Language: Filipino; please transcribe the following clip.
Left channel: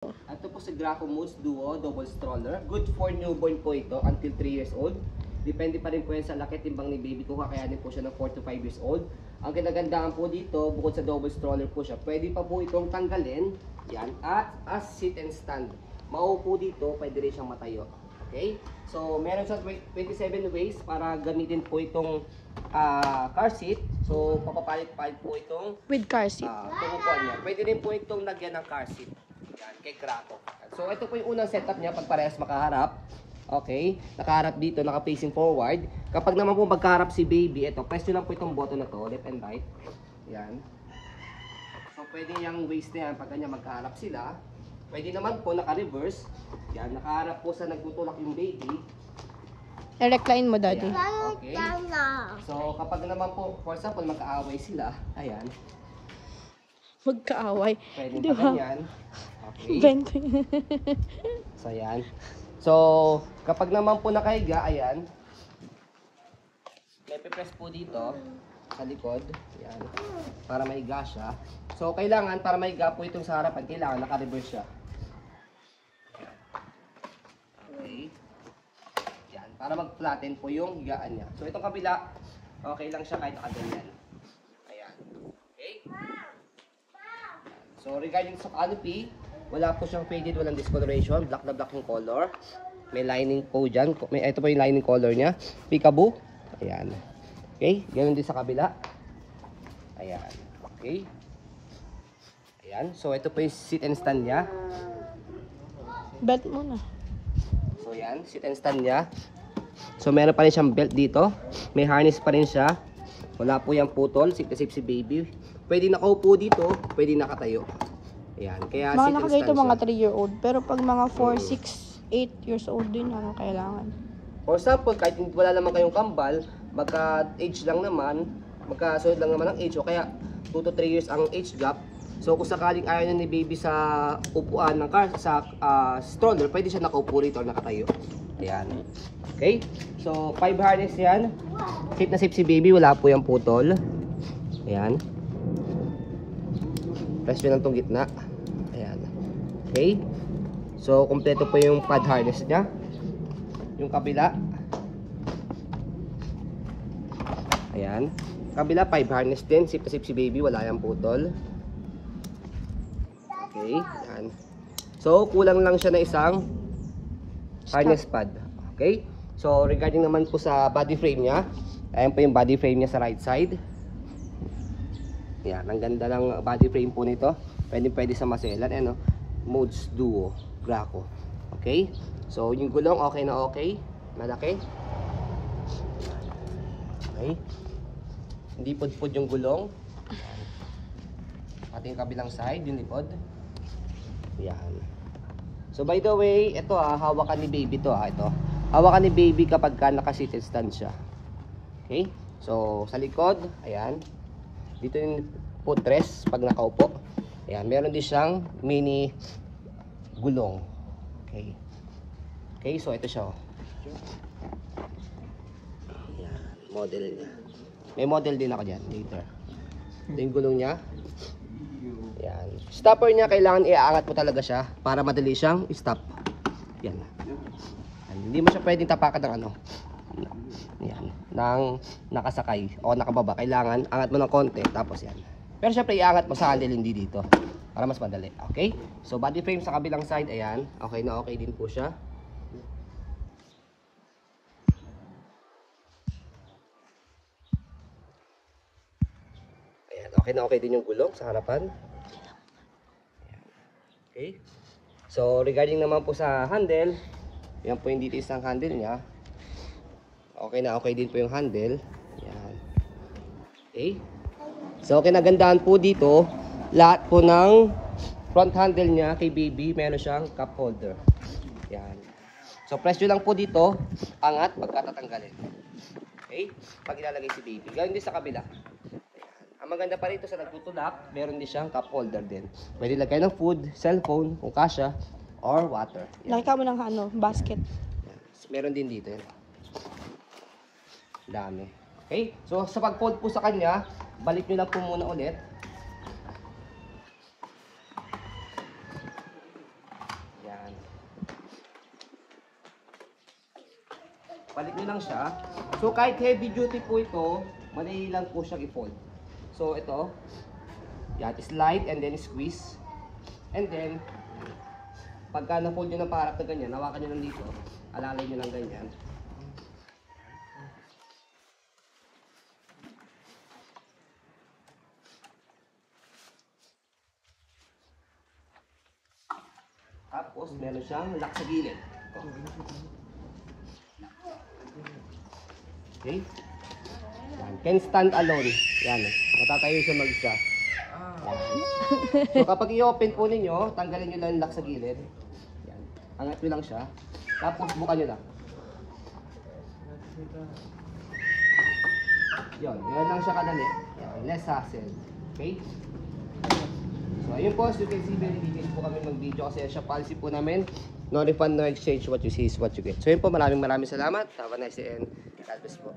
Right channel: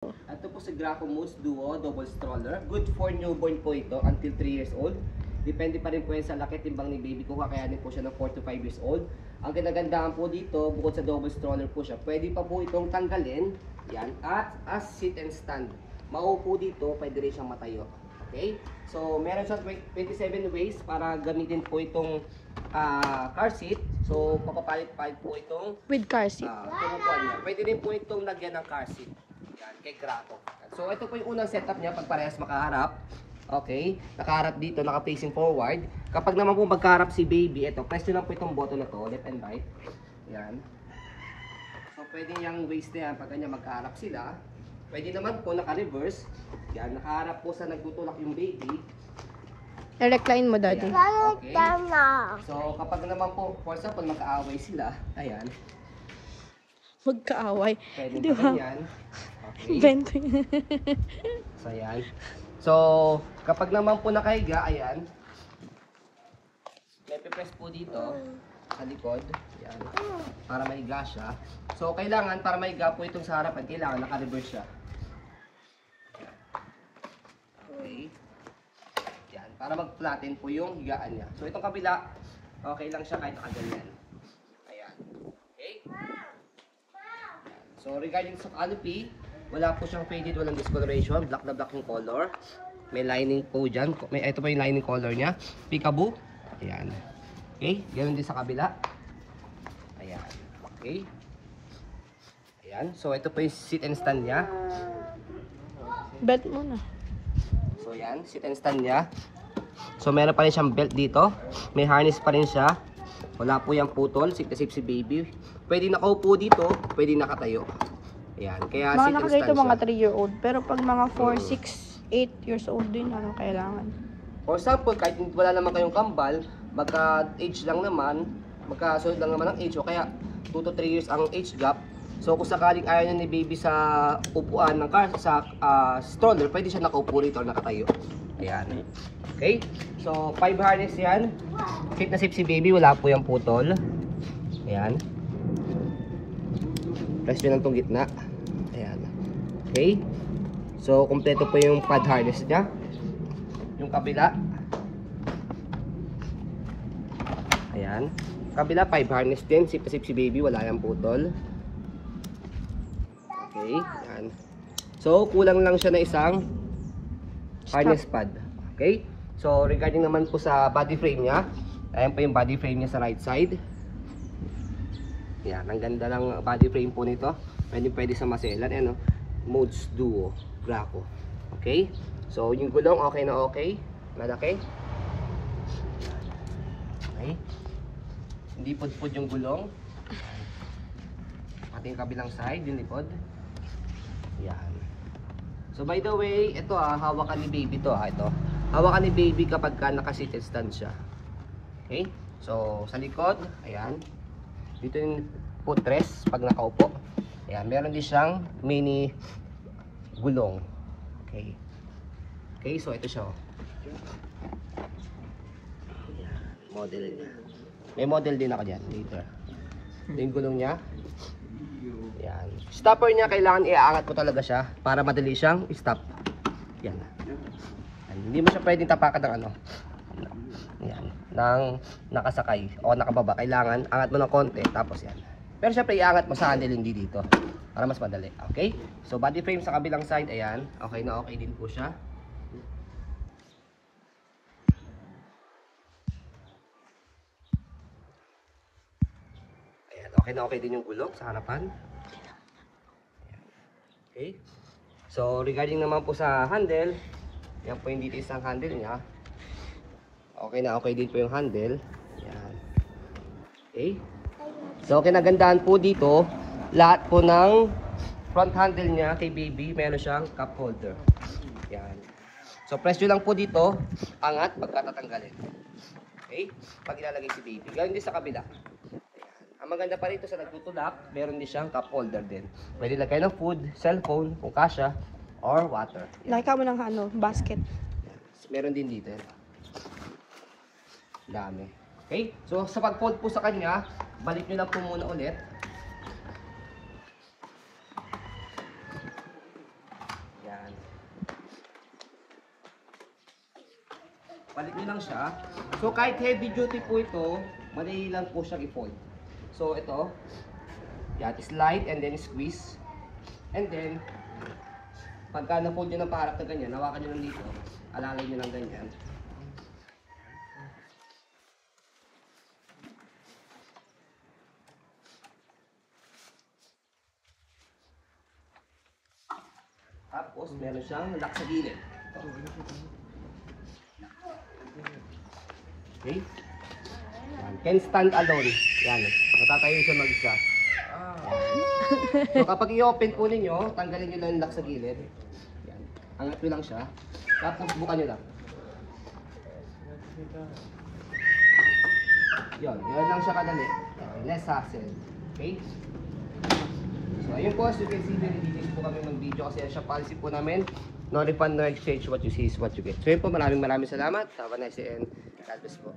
Ito po si Graco Moose Duo Double Stroller. Good for newborn po ito until 3 years old. Depende pa rin po yan sa laki timbang ni baby kung kakayanin po siya ng 4 to 5 years old. Ang kinagandaan po dito, bukod sa double stroller po siya, pwede pa po itong tanggalin. Yan. At as sit and stand. Maupo dito, pwede rin siyang matayo. Okay? So, meron siya 27 ways para gamitin po itong car seat. So, papapalit-palit po itong With car seat. tumupuan niya. Pwede rin po itong lagyan ng car seat. Yan, kay Graco. So, ito po yung unang setup niya pag parehas makaharap. Okay? Nakaharap dito, naka-facing forward. Kapag naman po magkaharap si baby, ito, press nyo lang po itong button na to, left and right. Yan. So, pwede yung waist na yan pag kanya magkaharap sila. Pwede naman po naka-reverse. Yan, nakaharap po sa nagtutulak yung baby. I-recline mo, daddy. Okay. So, kapag naman po, for example, magkaaway sila, ayan. Magkaaway. Pwede Di pa ba? ganyan. Okay. Bento. So, ayan. So, kapag naman po nakahiga, ayan. Ipe-press po dito sa likod. Ayan. Para mahiga siya. So, kailangan para mahiga po itong sa harapan, kailangan naka-reverse siya. Okay. Ayan. Para mag-flatten po yung higaan niya. So, itong kabila, okay lang siya kahit nakaganyan. Ayan. Okay. So, regarding sa canopy, wala po siyang faded, walang discoloration. Black na black yung color. May lining po dyan. Ito po yung lining color niya. Peekaboo. Ayan. Okay. Ganun din sa kabila. Ayan. Okay. Ayan. So, ito po yung sit and stand niya. Bet mo na. So, ayan. Sit and stand niya. So, meron pa rin siyang belt dito. May harness pa rin siya. Wala po yung putol. Safe na safe si baby. Pwede nakaupo dito. Pwede nakatayo. Ayan. Kaya Mga sit and nakagayto stand mga siya. 3-year-old. Pero pag mga 4, 6, 8 years old din, anong kailangan? For example, kahit wala naman kayong kambal, magka-age lang naman, magkasunod lang naman ang age, o kaya 2 to 3 years ang age gap. So kung sakaling ayaw ni baby sa upuan ng car, sa stroller, pwede siya nakaupo rito o nakatayo. Ayan. Okay? So 5 harness yan. Safe na safe si baby, wala po yung putol. Ayan. Press nyo lang itong gitna. Ayan. Okay? So kompleto po yung pad harness niya. Yung kabila. Ayan. Kabila 5 harness din. Safe na safe si baby, wala yung putol. Okay, yan. So, kulang lang siya na isang harness pad. Okay? So, regarding naman po sa body frame niya, ayan po yung body frame niya sa right side. Yan, ang ganda ng body frame po nito. Pwede sa maselan. Ayan, Moose Duo Graco. Okay? So, yung gulong okay na okay. Malaki. Okay? Hindi pudpud yung gulong. Pati yung kabilang side, yung likod. Yan. So by the way, ito hawakan ni baby to ito. Hawakan ni baby kapag ka naka-sit and stand siya. Okay? So sa likod, ayan. Dito yung footrest pag nakaupo. Ayan, meron din siyang mini gulong. Okay. Okay, so ito siya. Ayan, model niya. May model din ako diyan dito. Ito yung gulong niya. Yan. Stopper niya, kailangan iaangat mo talaga siya para madali siyang stop. Yan. Hindi mo siya pwedeng tapakan ng Ayan. Ng nakasakay o nakababa. Kailangan angat mo ng konti tapos yan. Pero syempre iangat mo sa handle hindi dito para mas madali. Okay? So body frame sa kabilang side, ayan. Okay na okay din po siya. Okay na okay din yung gulong sa harapan. Okay. So regarding naman po sa handle, yan po yung details ng handle niya. Okay na okay din po yung handle. Yan. Okay. So kinagandaan po dito, lahat po ng front handle niya kay baby, meron siyang cup holder. Yan. So press nyo lang po dito, angat pagkatatanggalin. Okay. Pag ilalagay si baby. Gawin din sa kabila. Ang maganda pa rito sa nagtutulak, meron din siyang cup holder din. Pwede lagay ng food, cellphone, kung kasya, or water. Nakita mo ng basket. Meron din dito. Dami. Okay? So, sa pag-fold po sa kanya, balik nyo lang po muna ulit. Palit nyo lang siya. So kahit heavy duty po ito, madali lang po siya i-fold. So ito, yan, slide and then squeeze. And then, pagka na-fold nyo ng parang ito ganyan, hawakan nyo lang dito, alalay nyo lang ganyan. Tapos, meron siyang lock sa gilid. Ito. Okay? Yan. Can stand alone. Yan. Natatayo siya mag-isa. So, kapag i-open po ninyo, tanggalin nyo lang yung lock sa gilid. Yan. Angat nyo lang siya. Tapos, buka nyo lang. Yan. Yan lang siya kadali. Less hassle. Okay? So, ayun po, so you can see, nandito po kami ng video kasi siya policy po namin. No refund, no exchange. What you see is what you get. So, yun po, maraming salamat. Have a nice day and God bless po.